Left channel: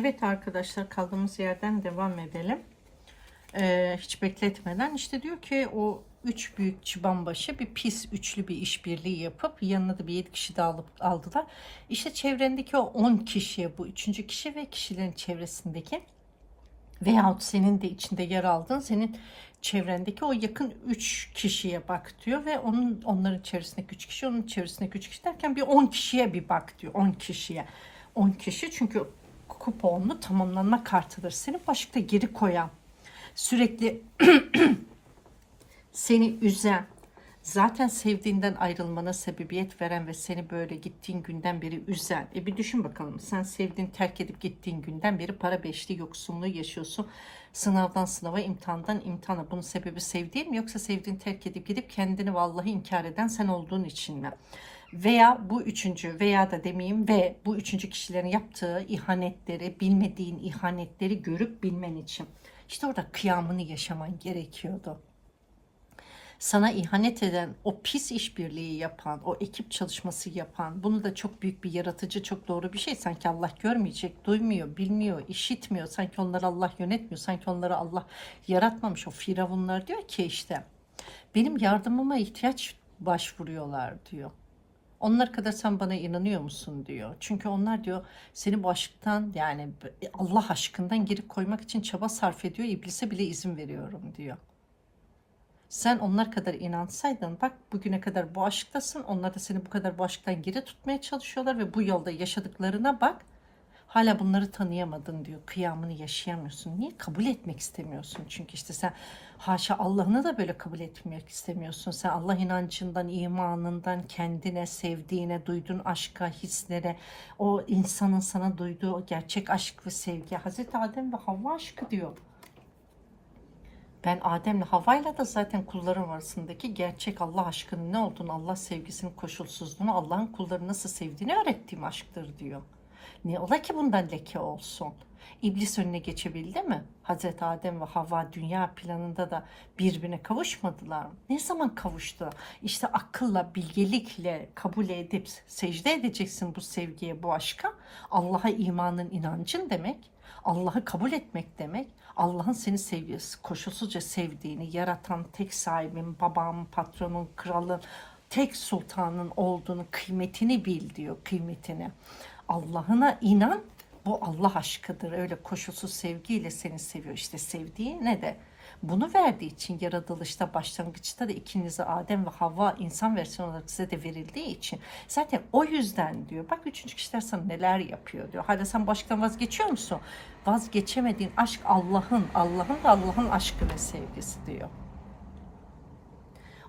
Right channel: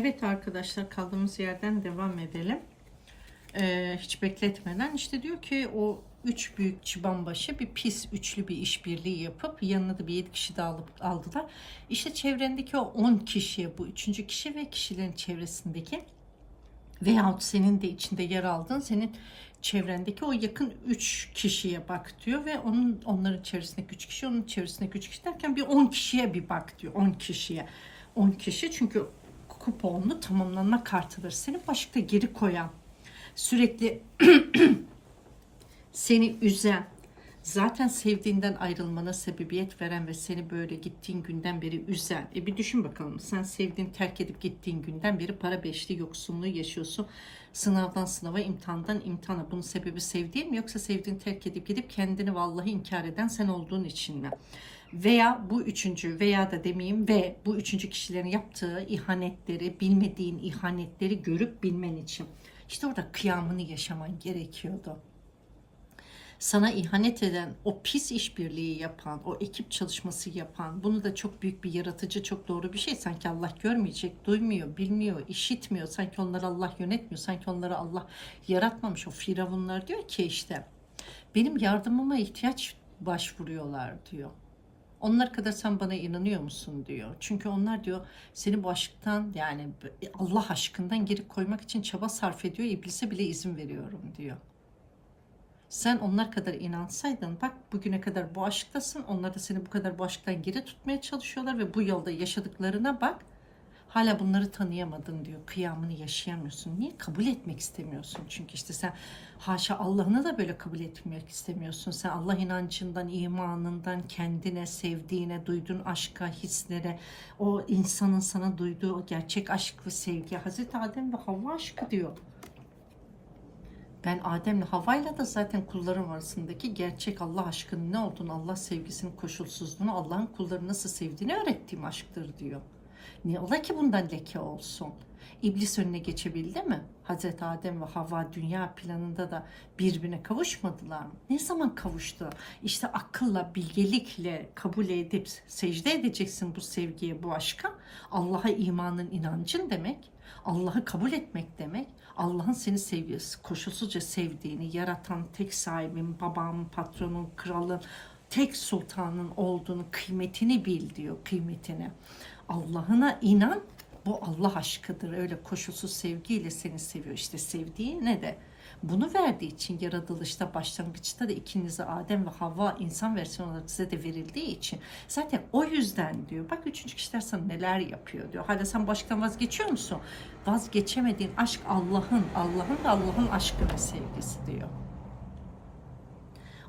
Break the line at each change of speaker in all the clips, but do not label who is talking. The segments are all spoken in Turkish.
Evet arkadaşlar kaldığımız yerden devam edelim. Ee, hiç bekletmeden işte diyor ki o üç büyük çıbanbaşı bir pis üçlü bir işbirliği yapıp yanına da bir yedi kişi daha alıp aldılar. İşte çevrendeki o 10 kişiye bu üçüncü kişi ve kişilerin çevresindeki veyahut senin de içinde yer aldığın senin çevrendeki o yakın 3 kişiye bak diyor ve onun onların çevresindeki 3 kişi onun çevresindeki 3 kişi derken bir 10 kişiye bir bak diyor 10 kişiye 10 kişi çünkü kuponlu tamamlanma kartıdır seni başta geri koyan sürekli seni üzen zaten sevdiğinden ayrılmana sebebiyet veren ve seni böyle gittiğin günden beri üzen. E bir düşün bakalım sen sevdiğin terk edip gittiğin günden beri para beşli yoksunluğu yaşıyorsun. Sınavdan sınava, imtihandan imtihana. Bunun sebebi sevdiğin mi yoksa sevdiğin terk edip gidip kendini vallahi inkar eden sen olduğun için mi? Veya bu üçüncü veya da demeyeyim ve bu üçüncü kişilerin yaptığı ihanetleri, bilmediğin ihanetleri görüp bilmen için. İşte orada kıyamını yaşaman gerekiyordu sana ihanet eden, o pis işbirliği yapan, o ekip çalışması yapan, bunu da çok büyük bir yaratıcı, çok doğru bir şey. Sanki Allah görmeyecek, duymuyor, bilmiyor, işitmiyor. Sanki onları Allah yönetmiyor, sanki onları Allah yaratmamış. O firavunlar diyor ki işte, benim yardımıma ihtiyaç başvuruyorlar diyor. Onlar kadar sen bana inanıyor musun diyor. Çünkü onlar diyor seni bu aşktan yani Allah aşkından geri koymak için çaba sarf ediyor. İblise bile izin veriyorum diyor. Sen onlar kadar inansaydın bak bugüne kadar bu aşktasın. Onlar da seni bu kadar bu aşktan geri tutmaya çalışıyorlar ve bu yolda yaşadıklarına bak. Hala bunları tanıyamadın diyor. Kıyamını yaşayamıyorsun. Niye? Kabul etmek istemiyorsun. Çünkü işte sen haşa Allah'ını da böyle kabul etmek istemiyorsun. Sen Allah inancından, imanından, kendine, sevdiğine, duyduğun aşka, hislere, o insanın sana duyduğu o gerçek aşk ve sevgi. Hazreti Adem ve Havva aşkı diyor. Ben Adem'le Havva'yla da zaten kullarım arasındaki gerçek Allah aşkının ne olduğunu, Allah sevgisinin koşulsuzluğunu, Allah'ın kulları nasıl sevdiğini öğrettiğim aşktır diyor. Ne ola ki bundan leke olsun? İblis önüne geçebildi mi? Hazreti Adem ve Havva dünya planında da birbirine kavuşmadılar mı? Ne zaman kavuştu? İşte akılla, bilgelikle kabul edip secde edeceksin bu sevgiye, bu aşka. Allah'a imanın, inancın demek. Allah'ı kabul etmek demek. Allah'ın seni sevgisi, koşulsuzca sevdiğini, yaratan tek sahibin, babam, patronun, kralın, tek sultanın olduğunu, kıymetini bil diyor, kıymetini. Allah'ına inan, bu Allah aşkıdır. Öyle koşulsuz sevgiyle seni seviyor. İşte sevdiği ne de bunu verdiği için yaratılışta başlangıçta da ikinize Adem ve Havva insan versiyonu olarak size de verildiği için zaten o yüzden diyor bak üçüncü kişiler sana neler yapıyor diyor. Hala sen baştan vazgeçiyor musun? Vazgeçemediğin aşk Allah'ın Allah'ın Allah'ın aşkı ve sevgisi diyor.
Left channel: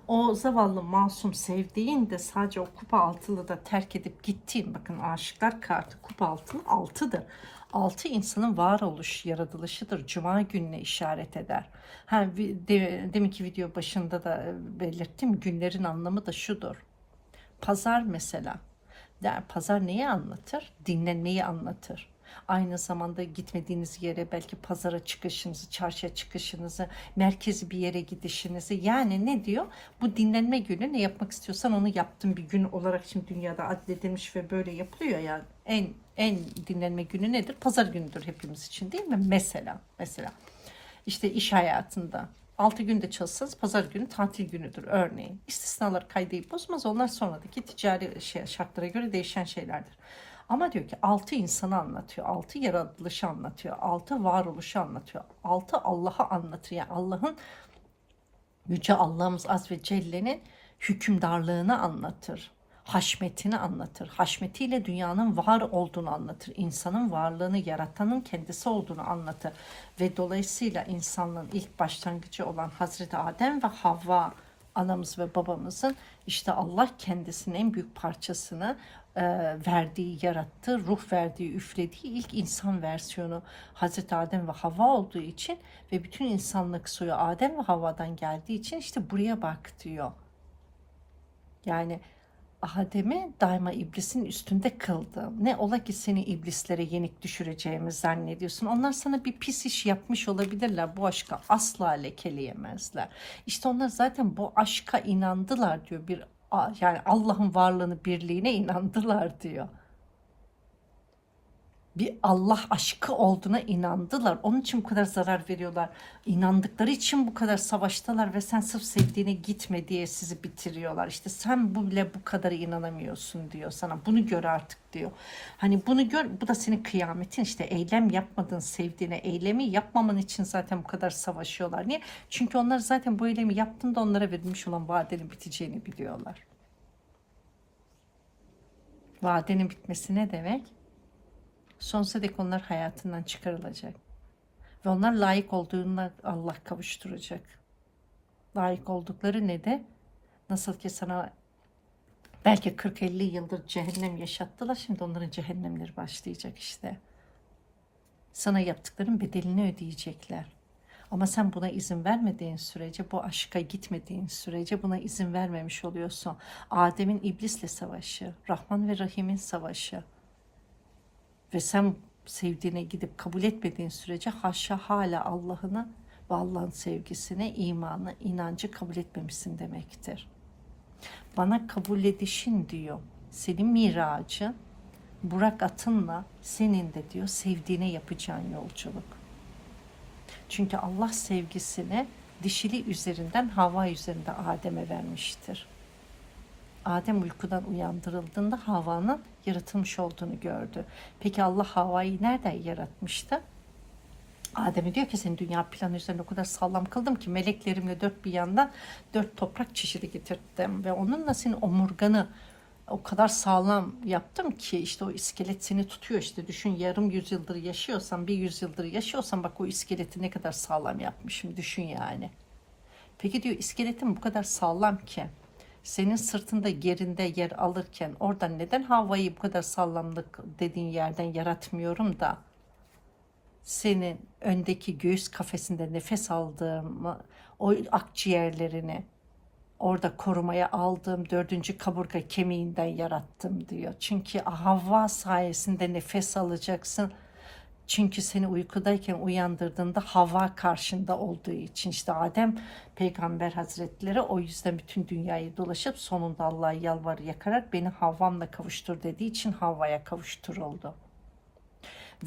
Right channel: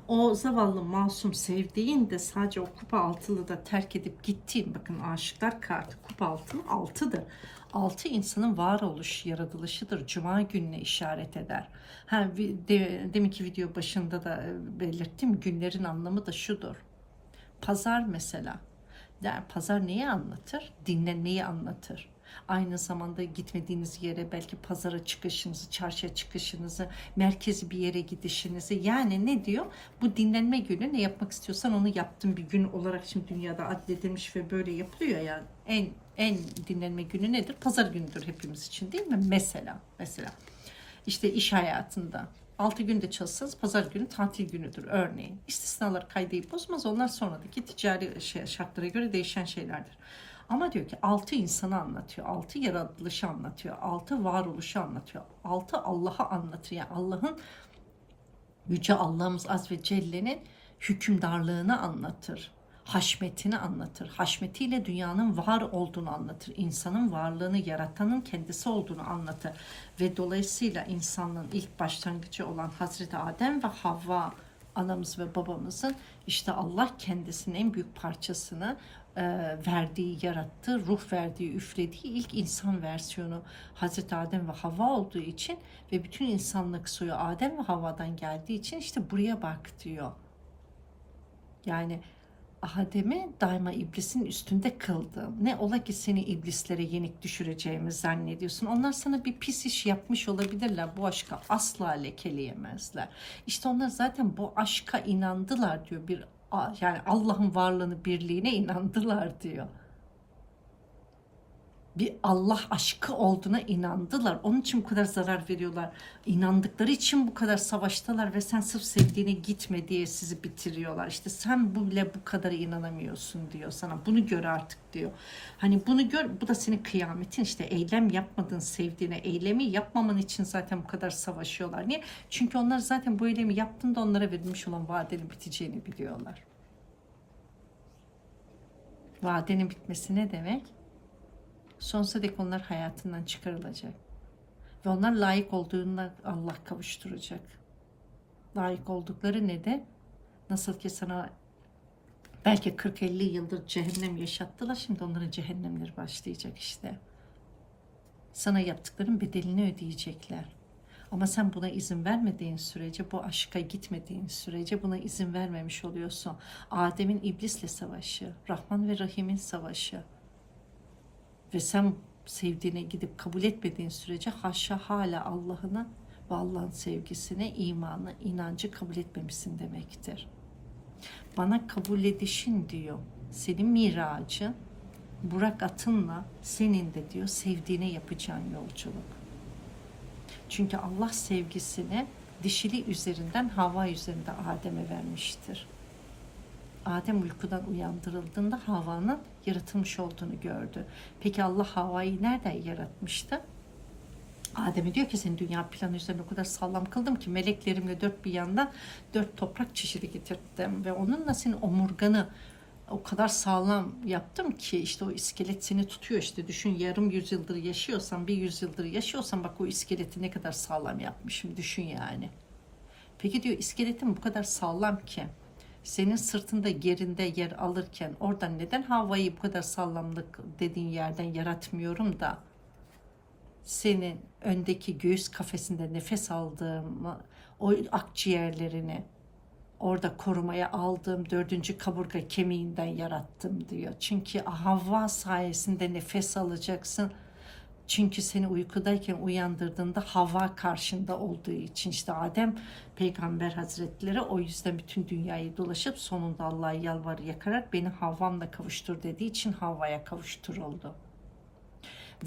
O zavallı masum sevdiğin de sadece o kupa altılı da terk edip gittiğin bakın aşıklar kartı kupa altının altıdır. Altı insanın varoluş, yaratılışıdır. Cuma gününe işaret eder. Ha, de, deminki video başında da e, belirttim. Günlerin anlamı da şudur. Pazar mesela. Der, pazar neyi anlatır? Dinlenmeyi anlatır. Aynı zamanda gitmediğiniz yere belki pazara çıkışınızı, çarşıya çıkışınızı, merkezi bir yere gidişinizi. Yani ne diyor? Bu dinlenme günü ne yapmak istiyorsan onu yaptığın bir gün olarak şimdi dünyada adledilmiş ve böyle yapılıyor ya. En en dinlenme günü nedir? Pazar günüdür hepimiz için değil mi? Mesela, mesela. İşte iş hayatında 6 günde çalışsanız pazar günü tatil günüdür örneğin. İstisnalar kaydayı bozmaz. Onlar sonradaki ticari şey, şartlara göre değişen şeylerdir. Ama diyor ki altı insanı anlatıyor. Altı yaratılışı anlatıyor. Altı varoluşu anlatıyor. Altı Allah'ı anlatıyor. Yani Allah'ın Yüce Allah'ımız Az ve Celle'nin hükümdarlığını anlatır. Haşmetini anlatır. Haşmetiyle dünyanın var olduğunu anlatır. İnsanın varlığını yaratanın kendisi olduğunu anlatır. Ve dolayısıyla insanlığın ilk başlangıcı olan Hazreti Adem ve Havva anamız ve babamızın işte Allah kendisinin en büyük parçasını verdiği, yarattığı, ruh verdiği, üflediği ilk insan versiyonu Hazreti Adem ve Havva olduğu için ve bütün insanlık soyu Adem ve Havva'dan geldiği için işte buraya bak diyor. Yani Adem'i daima iblisin üstünde kıldı. Ne ola ki seni iblislere yenik düşüreceğimi zannediyorsun. Onlar sana bir pis iş yapmış olabilirler. Bu aşka asla lekeleyemezler. İşte onlar zaten bu aşka inandılar diyor. Bir yani Allah'ın varlığını, birliğine inandılar diyor. Bir Allah aşkı olduğuna inandılar. Onun için bu kadar zarar veriyorlar. İnandıkları için bu kadar savaştalar ve sen sırf sevdiğine gitme diye sizi bitiriyorlar. İşte sen bile bu kadar inanamıyorsun diyor sana. Bunu gör artık diyor. Hani bunu gör bu da senin kıyametin işte eylem yapmadın sevdiğine eylemi yapmaman için zaten bu kadar savaşıyorlar. Niye? Çünkü onlar zaten bu eylemi yaptığında onlara verilmiş olan vadenin biteceğini biliyorlar. Vadenin bitmesi ne demek? Sonsuza dek onlar hayatından çıkarılacak. Ve onlar layık olduğunda Allah kavuşturacak. Layık oldukları ne de? Nasıl ki sana belki 40-50 yıldır cehennem yaşattılar. Şimdi onların cehennemleri başlayacak işte. Sana yaptıkların bedelini ödeyecekler. Ama sen buna izin vermediğin sürece, bu aşka gitmediğin sürece buna izin vermemiş oluyorsun. Adem'in iblisle savaşı, Rahman ve Rahim'in savaşı. Ve sen sevdiğine gidip kabul etmediğin sürece haşa hala Allah'ını ve Allah'ın sevgisine, imanı, inancı kabul etmemişsin demektir. Bana kabul edişin diyor, senin miracı, Burak atınla senin de diyor sevdiğine yapacağın yolculuk. Çünkü Allah sevgisini dişili üzerinden hava üzerinde Adem'e vermiştir. Adem uykudan uyandırıldığında Havva'nın yaratılmış olduğunu gördü. Peki Allah Havva'yı nereden yaratmıştı? Adem'e diyor ki senin dünya planı üzerine o kadar sağlam kıldım ki meleklerimle dört bir yandan dört toprak çeşidi getirdim ve onunla senin omurganı o kadar sağlam yaptım ki işte o iskelet seni tutuyor işte düşün yarım yüzyıldır yaşıyorsan bir yüzyıldır yaşıyorsan bak o iskeleti ne kadar sağlam yapmışım düşün yani. Peki diyor iskeletin bu kadar sağlam ki senin sırtında yerinde yer alırken oradan neden havayı bu kadar sağlamlık dediğin yerden yaratmıyorum da senin öndeki göğüs kafesinde nefes aldığım o akciğerlerini orada korumaya aldığım dördüncü kaburga kemiğinden yarattım diyor. Çünkü Havva sayesinde nefes alacaksın. Çünkü seni uykudayken uyandırdığında hava karşında olduğu için işte Adem peygamber hazretleri o yüzden bütün dünyayı dolaşıp sonunda Allah'a yalvar yakarak beni Havvamla kavuştur dediği için Havva'ya kavuşturuldu.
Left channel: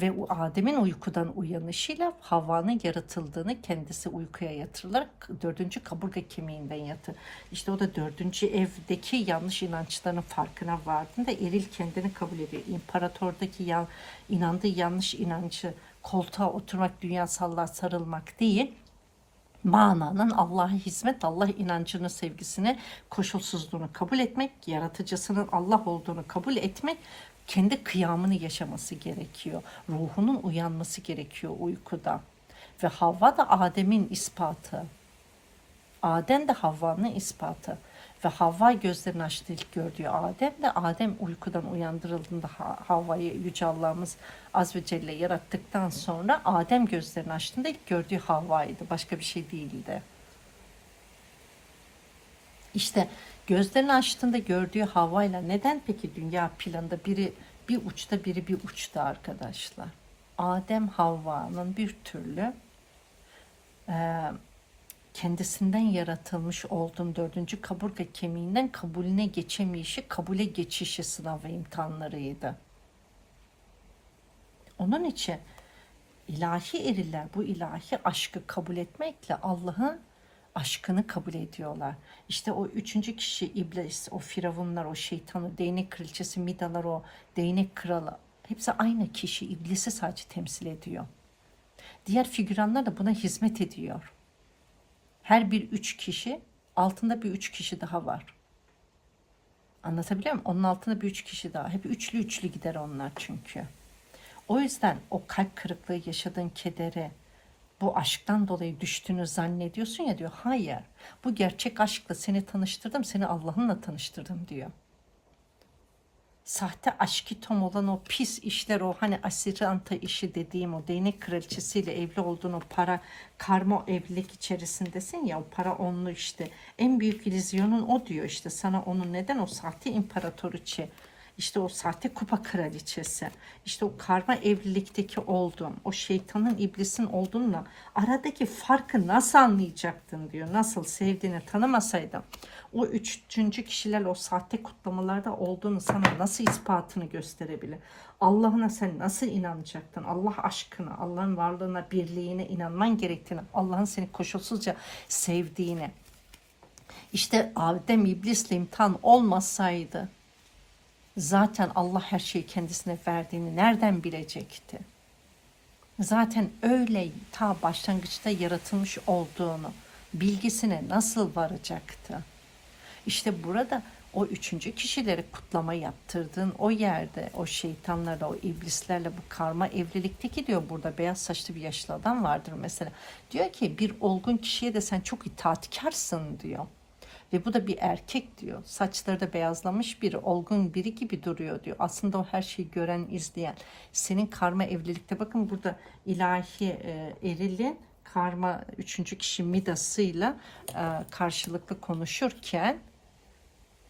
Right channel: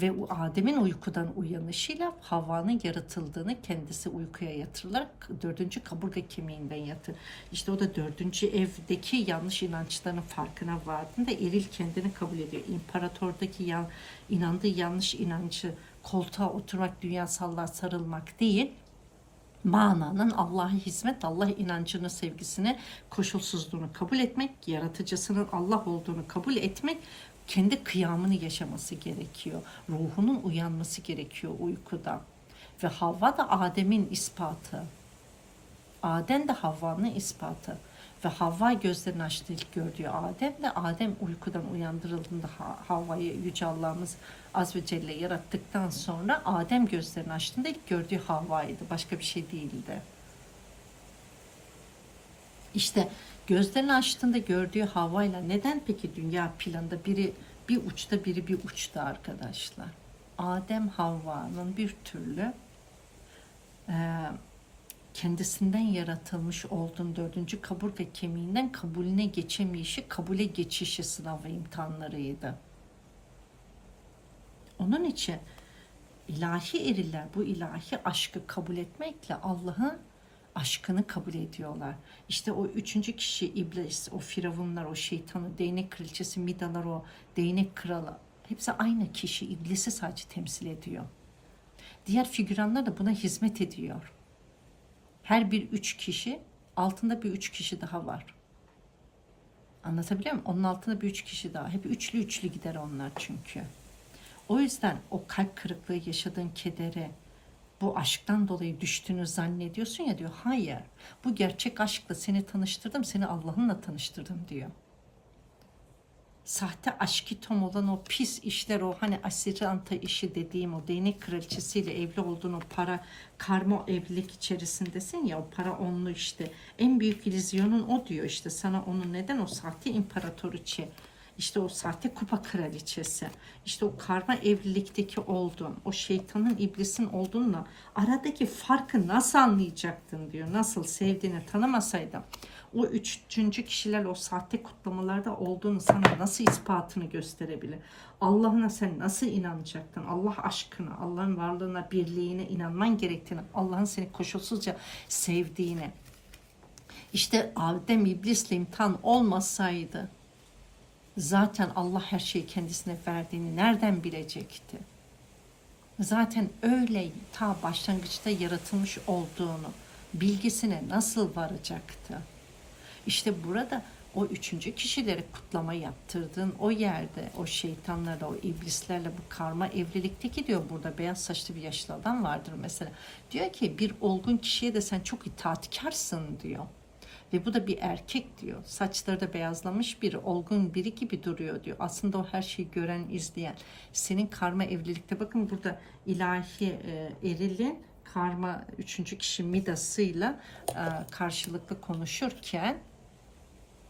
Ve Adem'in uykudan uyanışıyla Havva'nın yaratıldığını kendisi uykuya yatırılarak dördüncü kaburga kemiğinden yatır. İşte o da dördüncü evdeki yanlış inançlarının farkına vardığında eril kendini kabul ediyor. İmparatordaki ya, inandığı yanlış inancı koltuğa oturmak, dünyasallığa sarılmak değil, mananın Allah'a hizmet, Allah inancını, sevgisini, koşulsuzluğunu kabul etmek, yaratıcısının Allah olduğunu kabul etmek kendi kıyamını yaşaması gerekiyor. Ruhunun uyanması gerekiyor uykuda. Ve Havva da Adem'in ispatı. Adem de Havva'nın ispatı. Ve Havva gözlerini açtı ilk gördüğü Adem de Adem uykudan uyandırıldığında Havva'yı Yüce Allah'ımız Az ve Celle yarattıktan sonra Adem gözlerini açtığında ilk gördüğü Havva'ydı. Başka bir şey değildi. İşte gözlerini açtığında gördüğü havayla neden peki dünya planında biri bir uçta biri bir uçta arkadaşlar? Adem Havva'nın bir türlü e, kendisinden yaratılmış olduğun dördüncü kaburga kemiğinden kabulüne geçemeyişi, kabule geçişi sınavı imtihanlarıydı. Onun için ilahi eriler bu ilahi aşkı kabul etmekle Allah'ın aşkını kabul ediyorlar. İşte o üçüncü kişi iblis, o firavunlar, o şeytanı, değnek kraliçesi, midalar, o değnek kralı. Hepsi aynı kişi, iblisi sadece temsil ediyor. Diğer figüranlar da buna hizmet ediyor. Her bir üç kişi, altında bir üç kişi daha var. Anlatabiliyor muyum? Onun altında bir üç kişi daha. Hep üçlü üçlü gider onlar çünkü. O yüzden o kalp kırıklığı yaşadığın kedere, bu aşktan dolayı düştüğünü zannediyorsun ya diyor. Hayır. Bu gerçek aşkla seni tanıştırdım, seni Allah'ınla tanıştırdım diyor. Sahte aşkitom olan o pis işler, o hani asiranta işi dediğim o değnek kraliçesiyle evli olduğun o para karma evlilik içerisindesin ya o para onlu işte en büyük illüzyonun o diyor işte sana onun neden o sahte imparatoriçe işte o sahte kupa kraliçesi, işte o karma evlilikteki olduğun, o şeytanın iblisin olduğunla aradaki farkı nasıl anlayacaktın diyor. Nasıl sevdiğini tanımasaydın o üçüncü kişiler o sahte kutlamalarda olduğunu sana nasıl ispatını gösterebilir? Allah'ına sen nasıl inanacaktın? Allah aşkına, Allah'ın varlığına, birliğine inanman gerektiğini, Allah'ın seni koşulsuzca sevdiğini. İşte Adem iblisle imtihan olmasaydı zaten Allah her şeyi kendisine verdiğini nereden bilecekti? Zaten öyle ta başlangıçta yaratılmış olduğunu bilgisine nasıl varacaktı? İşte burada o üçüncü kişileri kutlama yaptırdığın o yerde o şeytanlarla o iblislerle bu karma evlilikteki diyor burada beyaz saçlı bir yaşlı adam vardır mesela. Diyor ki bir olgun kişiye de sen çok itaatkarsın diyor. Ve bu da bir erkek diyor. Saçları da beyazlamış biri, olgun biri gibi duruyor diyor. Aslında o her şeyi gören, izleyen. Senin karma evlilikte bakın burada ilahi e, erilin karma üçüncü kişi midasıyla e, karşılıklı konuşurken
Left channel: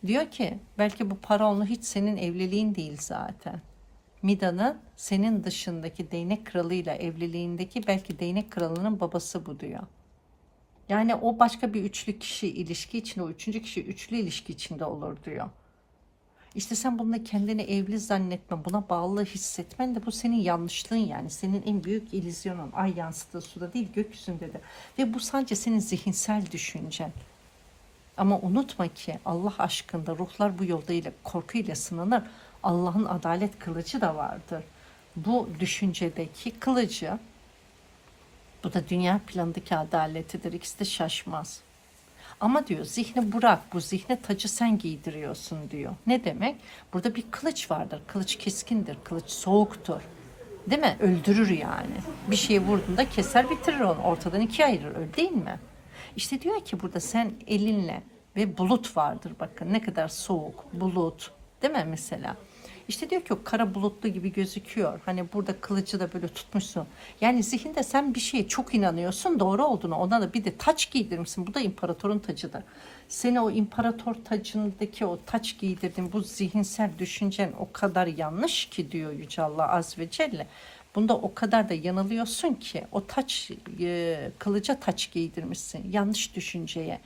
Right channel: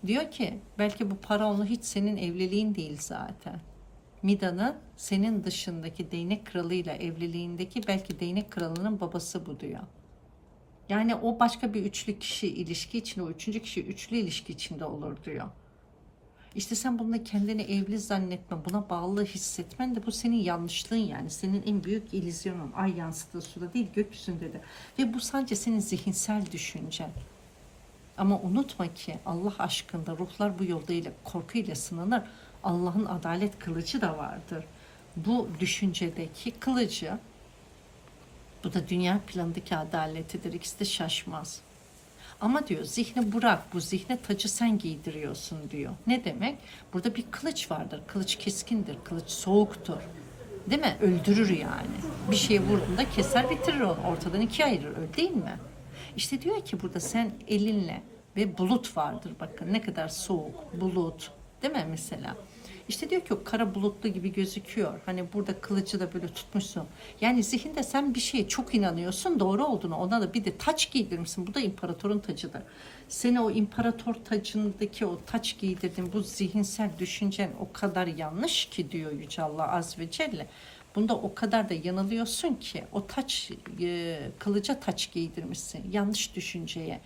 diyor ki belki bu para onu hiç senin evliliğin değil zaten. Mida'nın senin dışındaki değnek kralıyla evliliğindeki belki değnek kralının babası bu diyor. Yani o başka bir üçlü kişi ilişki içinde, o üçüncü kişi üçlü ilişki içinde olur diyor. İşte sen bununla kendini evli zannetme, buna bağlı hissetmen de bu senin yanlışlığın yani. Senin en büyük illüzyonun. Ay yansıdığı suda değil gökyüzünde de. Ve bu sadece senin zihinsel düşüncen. Ama unutma ki Allah aşkında ruhlar bu yolda ile korkuyla sınanır. Allah'ın adalet kılıcı da vardır. Bu düşüncedeki kılıcı bu da dünya planındaki adaletidir. İkisi de şaşmaz. Ama diyor zihni bırak bu zihne tacı sen giydiriyorsun diyor. Ne demek? Burada bir kılıç vardır. Kılıç keskindir. Kılıç soğuktur. Değil mi? Öldürür yani. Bir şey vurduğunda keser bitirir onu. Ortadan ikiye ayırır. Öyle değil mi? İşte diyor ki burada sen elinle ve bulut vardır. Bakın ne kadar soğuk. Bulut. Değil mi mesela? İşte diyor ki o kara bulutlu gibi gözüküyor. Hani burada kılıcı da böyle tutmuşsun. Yani zihinde sen bir şeye çok inanıyorsun doğru olduğunu. Ona da bir de taç giydirmişsin. Bu da imparatorun tacıdır. Seni o imparator tacındaki o taç giydirdin. Bu zihinsel düşüncen o kadar yanlış ki diyor Yüce Allah Az ve Celle. Bunda o kadar da yanılıyorsun ki o taç e, kılıca taç giydirmişsin. Yanlış düşünceye.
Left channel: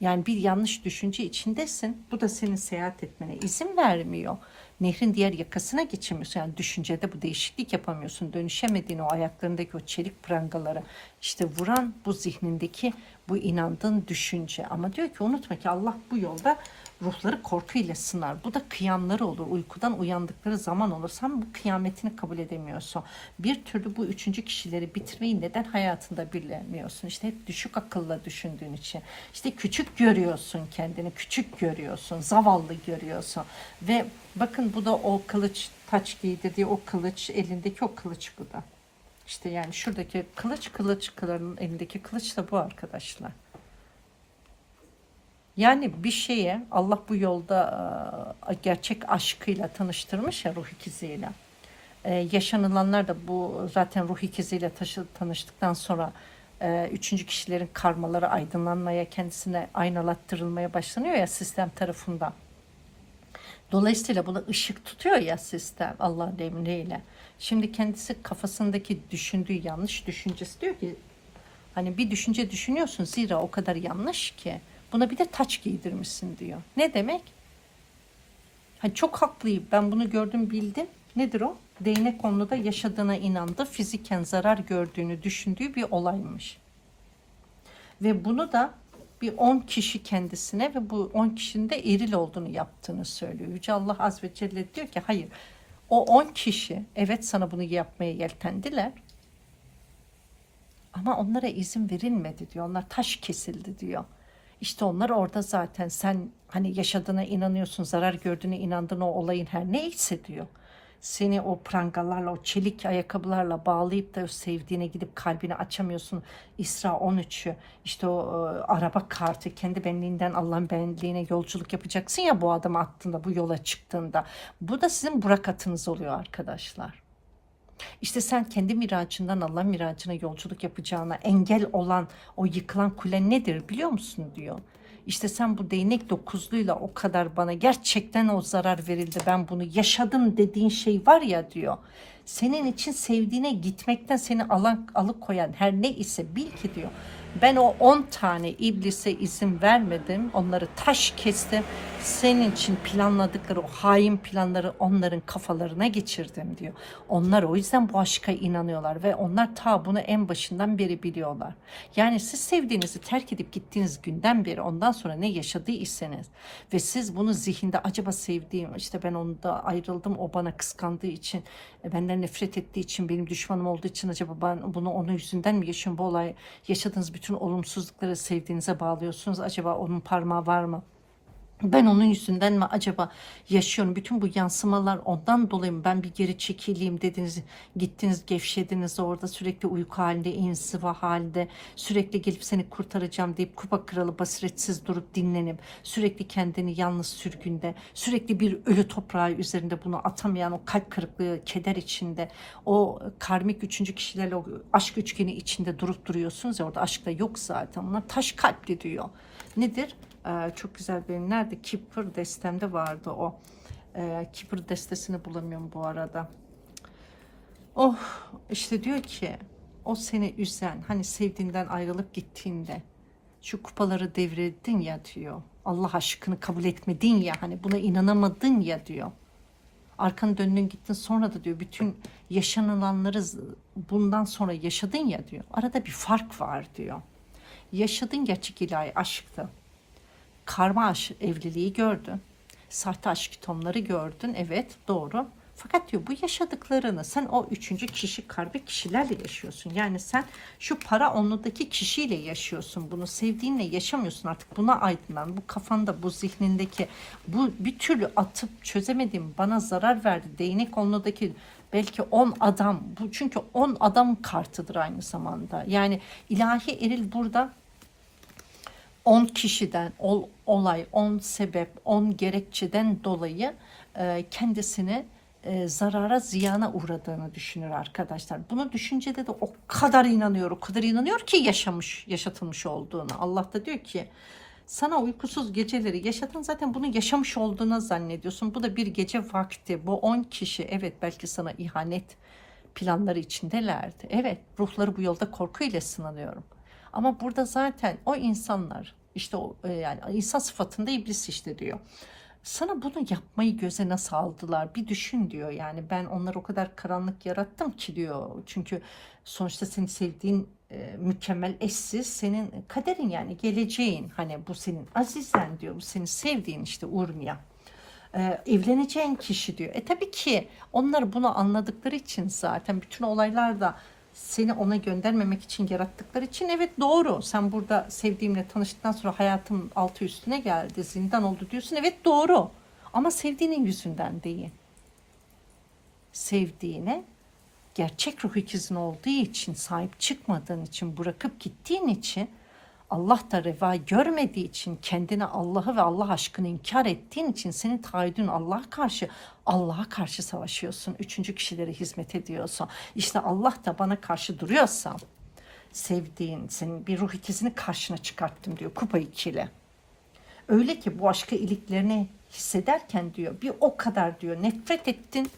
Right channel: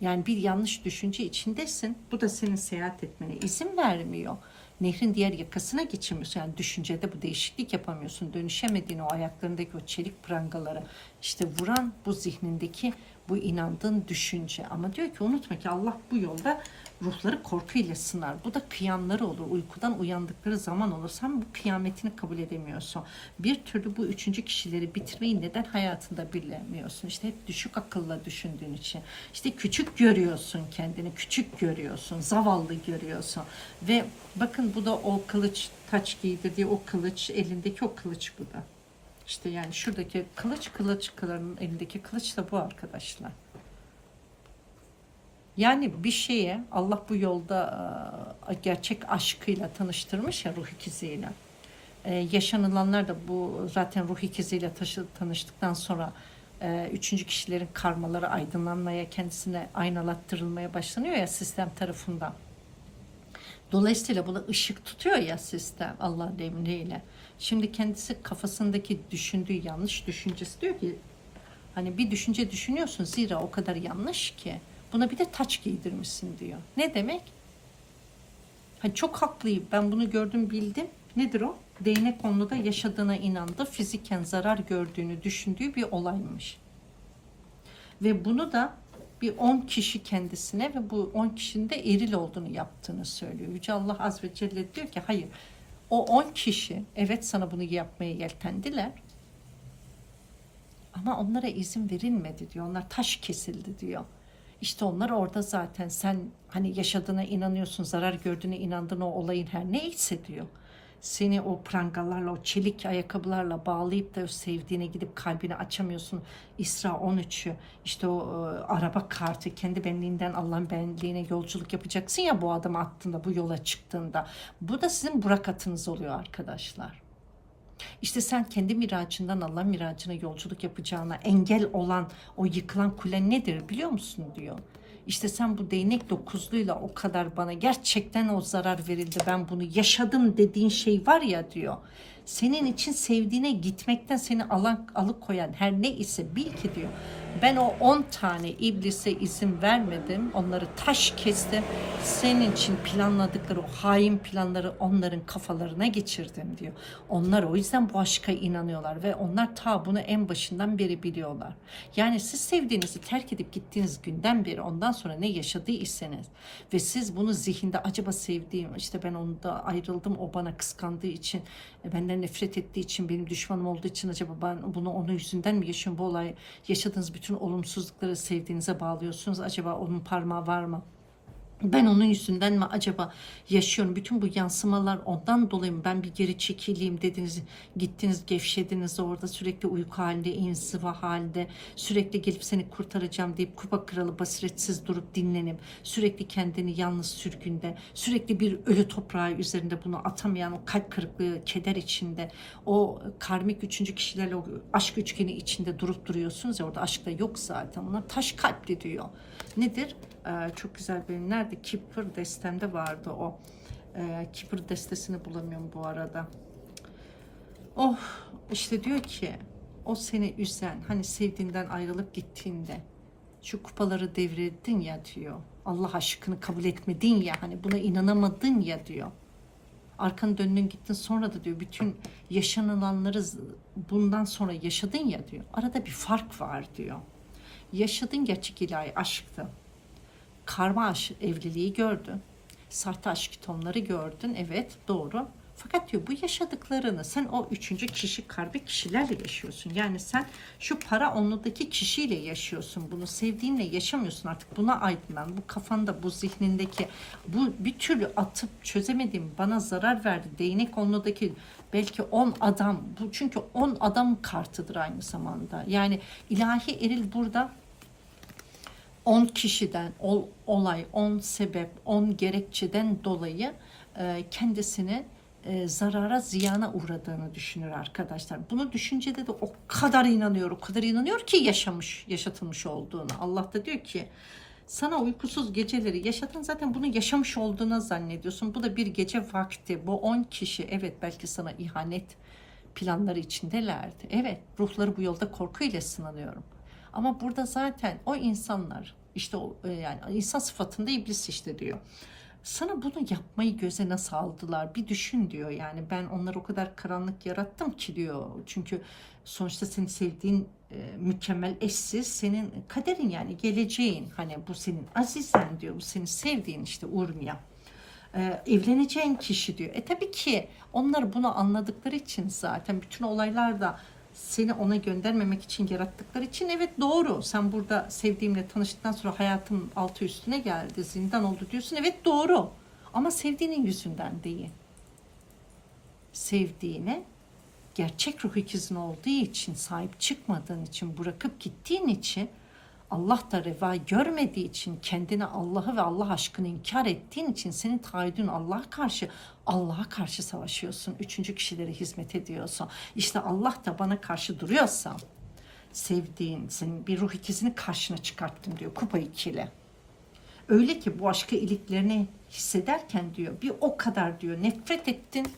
Yani bir yanlış düşünce içindesin. Bu da senin seyahat etmene izin vermiyor nehrin diğer yakasına geçemiyorsun. Yani düşüncede bu değişiklik yapamıyorsun. Dönüşemediğin o ayaklarındaki o çelik prangalara işte vuran bu zihnindeki bu inandığın düşünce. Ama diyor ki unutma ki Allah bu yolda ruhları korkuyla sınar. Bu da kıyamları olur. Uykudan uyandıkları zaman olur. Sen bu kıyametini kabul edemiyorsun. Bir türlü bu üçüncü kişileri bitirmeyi neden hayatında bilemiyorsun? İşte hep düşük akılla düşündüğün için. İşte küçük görüyorsun kendini. Küçük görüyorsun. Zavallı görüyorsun. Ve bakın bu da o kılıç taç giydirdiği o kılıç elindeki o kılıç bu da. İşte yani şuradaki kılıç kılıç kıların elindeki kılıç da bu arkadaşlar. Yani bir şeye Allah bu yolda e, gerçek aşkıyla tanıştırmış ya ruh ikiziyle. Ee, yaşanılanlar da bu zaten ruh ikiziyle taşı, tanıştıktan sonra e, üçüncü kişilerin karmaları aydınlanmaya, kendisine aynalattırılmaya başlanıyor ya sistem tarafından. Dolayısıyla buna ışık tutuyor ya sistem Allah'ın emriyle. Şimdi kendisi kafasındaki düşündüğü yanlış düşüncesi diyor ki hani bir düşünce düşünüyorsun zira o kadar yanlış ki Buna bir de taç giydirmişsin diyor. Ne demek? Hani çok haklıyım. Ben bunu gördüm bildim. Nedir o? Değnek konuda yaşadığına inandı. Fiziken zarar gördüğünü düşündüğü bir olaymış. Ve bunu da bir 10 kişi kendisine ve bu 10 kişinin de eril olduğunu yaptığını söylüyor. Yüce Allah Az ve Celle diyor ki hayır o 10 kişi evet sana bunu yapmaya yeltendiler. Ama onlara izin verilmedi diyor. Onlar taş kesildi diyor. İşte onlar orada zaten sen hani yaşadığına inanıyorsun, zarar gördüğüne inandığın o olayın her neyse diyor. Seni o prangalarla, o çelik ayakkabılarla bağlayıp da sevdiğine gidip kalbini açamıyorsun. İsra 13'ü işte o e, araba kartı kendi benliğinden Allah'ın benliğine yolculuk yapacaksın ya bu adamı attığında, bu yola çıktığında. Bu da sizin burakatınız oluyor arkadaşlar. İşte sen kendi miracından Allah miracına yolculuk yapacağına engel olan o yıkılan kule nedir biliyor musun diyor. İşte sen bu değnek dokuzluyla o kadar bana gerçekten o zarar verildi ben bunu yaşadım dediğin şey var ya diyor. Senin için sevdiğine gitmekten seni alan, alıkoyan her ne ise bil ki diyor. Ben o 10 tane iblise izin vermedim. Onları taş kestim. Senin için planladıkları o hain planları onların kafalarına geçirdim diyor. Onlar o yüzden bu aşka inanıyorlar ve onlar ta bunu en başından beri biliyorlar. Yani siz sevdiğinizi terk edip gittiğiniz günden beri ondan sonra ne yaşadıysanız ve siz bunu zihinde acaba sevdiğim işte ben onda ayrıldım o bana kıskandığı için e, benden nefret ettiği için benim düşmanım olduğu için acaba ben bunu onun yüzünden mi yaşıyorum bu olay yaşadığınız bütün olumsuzlukları sevdiğinize bağlıyorsunuz acaba onun parmağı var mı? Ben onun yüzünden mi acaba yaşıyorum? Bütün bu yansımalar ondan dolayı mı ben bir geri çekileyim dediniz, gittiniz, gevşediniz orada sürekli uyku halinde, inziva halinde, sürekli gelip seni kurtaracağım deyip kupa kralı basiretsiz durup dinlenip, sürekli kendini yalnız sürgünde, sürekli bir ölü toprağı üzerinde bunu atamayan o kalp kırıklığı, keder içinde, o karmik üçüncü kişilerle o aşk üçgeni içinde durup duruyorsunuz ya orada aşk da yok zaten. Onlar taş kalpli diyor. Nedir? Ee, çok güzel benim. Nerede? Kipper destemde vardı o. Kipper destesini bulamıyorum bu arada. Oh işte diyor ki o seni üzen hani sevdiğinden ayrılıp gittiğinde şu kupaları devrettin ya diyor. Allah aşkını kabul etmedin ya hani buna inanamadın ya diyor. Arkanı döndün gittin sonra da diyor bütün yaşanılanları bundan sonra yaşadın ya diyor. Arada bir fark var diyor. Yaşadın gerçek ilahi aşktı karma aşk evliliği gördün. Sahte aşk tonları gördün. Evet doğru. Fakat diyor bu yaşadıklarını sen o üçüncü kişi karbi kişilerle yaşıyorsun. Yani sen şu para onludaki kişiyle yaşıyorsun. Bunu sevdiğinle yaşamıyorsun artık. Buna aydınlan. Bu kafanda, bu zihnindeki bu bir türlü atıp çözemediğim bana zarar verdi. Değnek onludaki belki 10 adam. Bu çünkü 10 adam kartıdır aynı zamanda. Yani ilahi eril burada 10 kişiden, ol, olay, 10 sebep, 10 gerekçeden dolayı e, kendisini e, zarara, ziyana uğradığını düşünür arkadaşlar. Bunu düşüncede de o kadar inanıyor, o kadar inanıyor ki yaşamış, yaşatılmış olduğunu. Allah da diyor ki sana uykusuz geceleri yaşadın zaten bunu yaşamış olduğunu zannediyorsun. Bu da bir gece vakti. Bu 10 kişi evet belki sana ihanet planları içindelerdi. Evet ruhları bu yolda korkuyla sınanıyorum. Ama burada zaten o insanlar işte o e, yani insan sıfatında iblis işte diyor. Sana bunu yapmayı göze nasıl aldılar bir düşün diyor. Yani ben onları o kadar karanlık yarattım ki diyor. Çünkü sonuçta senin sevdiğin e, mükemmel eşsiz senin kaderin yani geleceğin. Hani bu senin azizen diyor. Bu senin sevdiğin işte Urmiya. Ee, evleneceğin kişi diyor. E tabii ki onlar bunu anladıkları için zaten bütün olaylar da seni ona göndermemek için yarattıkları için evet doğru. Sen burada sevdiğimle tanıştıktan sonra hayatım altı üstüne geldi, zindan oldu diyorsun. Evet doğru. Ama sevdiğinin yüzünden değil. Sevdiğine gerçek ruh ikizin olduğu için, sahip çıkmadığın için, bırakıp gittiğin için Allah da reva görmediği için kendine Allah'ı ve Allah aşkını inkar ettiğin için senin taahhüdün Allah'a karşı Allah'a karşı savaşıyorsun. Üçüncü kişilere hizmet ediyorsun. İşte Allah da bana karşı duruyorsa sevdiğin senin bir ruh ikizini karşına çıkarttım diyor kupa ikili. Öyle ki bu aşkı iliklerini hissederken diyor bir o kadar diyor nefret ettin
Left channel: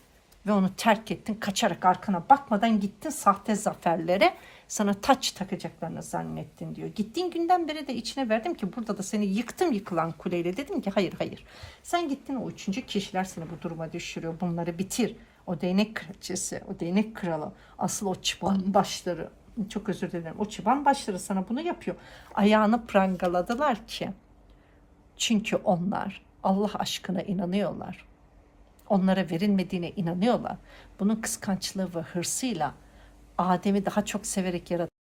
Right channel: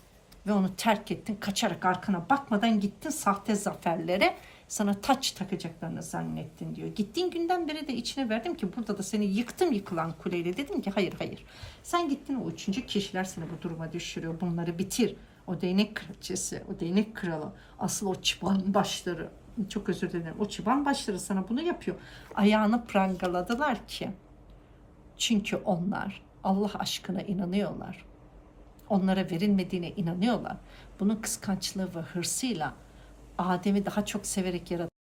ve onu terk ettin. Kaçarak arkana bakmadan gittin sahte zaferlere sana taç takacaklarını zannettin diyor. Gittiğin günden beri de içine verdim ki burada da seni yıktım yıkılan kuleyle dedim ki hayır hayır. Sen gittin o üçüncü kişiler seni bu duruma düşürüyor. Bunları bitir. O değnek kraliçesi, o değnek kralı, asıl o çıban başları, çok özür dilerim. O çıban başları sana bunu yapıyor. Ayağını prangaladılar ki. Çünkü onlar Allah aşkına inanıyorlar. Onlara verilmediğine inanıyorlar. Bunun kıskançlığı ve hırsıyla Adem'i daha çok severek yarattı.